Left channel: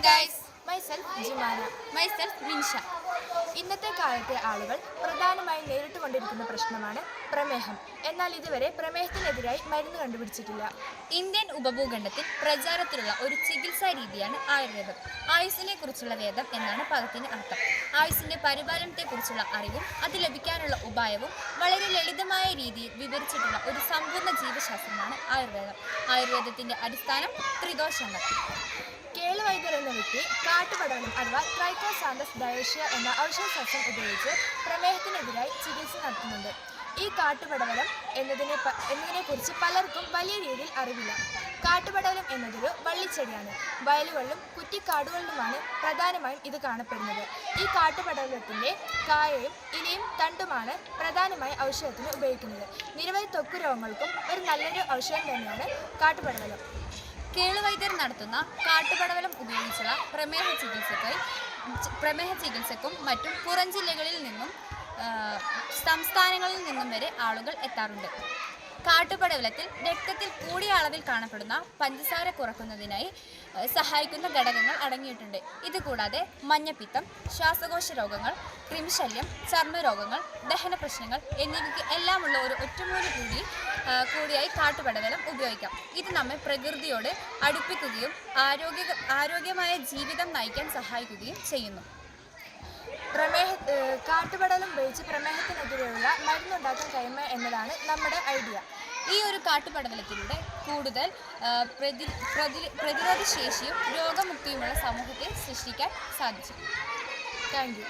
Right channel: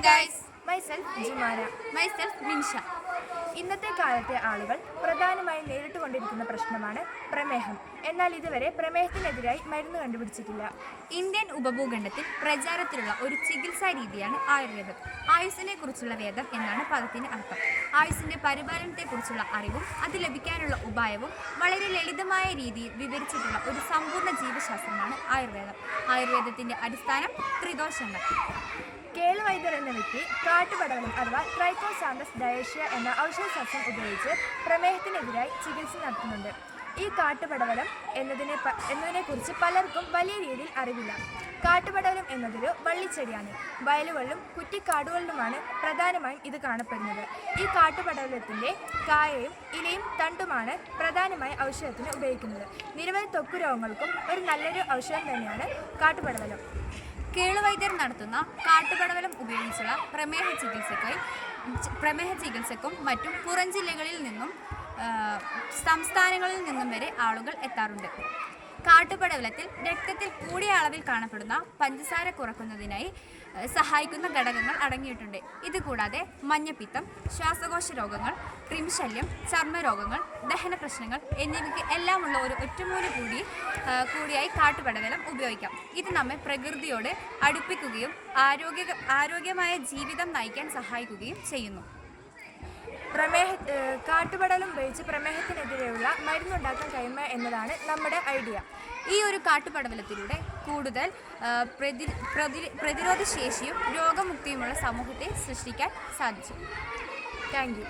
guys, myself Jumana. myself Minsha. ഇന്നത്തെ കാലത്തെ ആളുകൾ പ്രധാനമായും നേരിട്ടുകൊണ്ടിരിക്കുന്ന പ്രശ്നമാണ് പ്രമേഹം. എന്നാൽ ഇതുവരെ പ്രമേഹത്തിനെതിരായി മരുന്ന് കണ്ടുപിടിച്ചിട്ടില്ല. ഇന്ത്യൻ ഉപഭൂഖണ്ഡത്തിൽ പ്രചാരത്തിലുള്ള ഒരു ചികിത്സാ രീതിയാണ് ആയുർവേദം. ആയുസ്സിനെ കുറിച്ചുള്ള വേദം എന്നാണ് പദത്തിന് അർത്ഥം. ആയുസ്സിന്റെ പരിപാലനത്തെക്കുറിച്ചുള്ള അറിവും അത് ലഭിക്കാനുള്ള ഉപായവും വളരെ ലളിതമായ രീതിയിൽ വിവരിച്ചിട്ടുള്ള ഒരു സമ്പൂർണ്ണ ജീവശാസ്ത്രമാണ് ആയുർവേദം. ആയുർവേദത്തിന്റെ അടിസ്ഥാനം ത്രിദോഷങ്ങൾ. കേളുവൈദ്യർ എന്ന വ്യക്തി കാട്ടുപടവലം അഥവാ ട്രൈക്കോസാന്തസ് ഡയേഷ്യ എന്ന ഔഷധസസ്യം ഉപയോഗിച്ച് പ്രമേഹത്തിനെതിരായി ചികിത്സ നടത്തുന്നുണ്ട്. ഈ കാട്ടുപടവലം എന്നതിനെക്കുറിച്ച് പലർക്കും വലിയ രീതിയിൽ അറിവില്ല. കാട്ടുപടവലം എന്നതൊരു വള്ളിച്ചെടിയാണ്. വയലുകളിലും കുറ്റിക്കാടുകളിലുമാണ് പ്രധാനമായും ഇത് കാണപ്പെടുന്നത്. ഈ കാട്ടുപടവലത്തിൻ്റെ കായയും ഇലയും തണ്ടുമാണ് പ്രധാനമായി ഔഷധത്തിന് ഉപയോഗിക്കുന്നത്. നിരവധി ത്വക്ക് രോഗങ്ങൾക്കും ഒരു നല്ലൊരു ഔഷധം തന്നെയാണ് കാട്ടുപടവലം. കേളുവൈദ്യർ നടത്തുന്ന കാട്ടുപടവലം ഉപയോഗിച്ചുള്ള പ്രമേഹ ചികിത്സക്കും മറ്റും പുറം ജില്ലകളിൽ നിന്നും സംസ്ഥാനങ്ങളിൽ നിന്നും വരെ ആളുകൾ എത്താറുണ്ട്. കാട്ടുപടവലത്തിൽ രക്തത്തിൽ കൂടിയ അളവിൽ കാണപ്പെടുന്ന പഞ്ചസാര കുറയ്ക്കുന്നതിനായി സഹായിക്കുന്ന ഘടകങ്ങൾ അടങ്ങിയിട്ടുണ്ട്. ഇതുകൂടാതെ മഞ്ഞപ്പിത്തം, ശ്വാസകോശ രോഗങ്ങൾ, കൃമിശല്യം, ചർമ്മരോഗങ്ങൾ, ദഹന പ്രശ്നങ്ങൾ എന്നിവയ്ക്ക് എല്ലാമുള്ള ഒരു ഒറ്റമൂലി കൂടിയായി കാട്ടുപടവലം ഉപയോഗിക്കാം. ഇത് നമ്മെ പ്രകൃതിയോട് അടുപ്പിക്കുകയും ആരോഗ്യമായ ജീവിതം നയിക്കാൻ സഹായിക്കുകയും ചെയ്യുന്നു. കാട്ടുപടവലം ഉപയോഗിച്ച് പ്രമേഹത്തിനെതിരെയുള്ള മരുന്നുണ്ടാക്കാൻ കഴിയുക എന്നതാണ് നമ്മുടെ ഐഡിയ. ഈ ഒരു കാട്ടുപടവലത്തിലൂടെ കൂടുതൽ പ്രതിരോധ ശേഷിയും രോഗമുക്തിയുമുള്ള സമൂഹത്തെ സൃഷ്ടിക്കാൻ സാധിച്ചു. Thank you.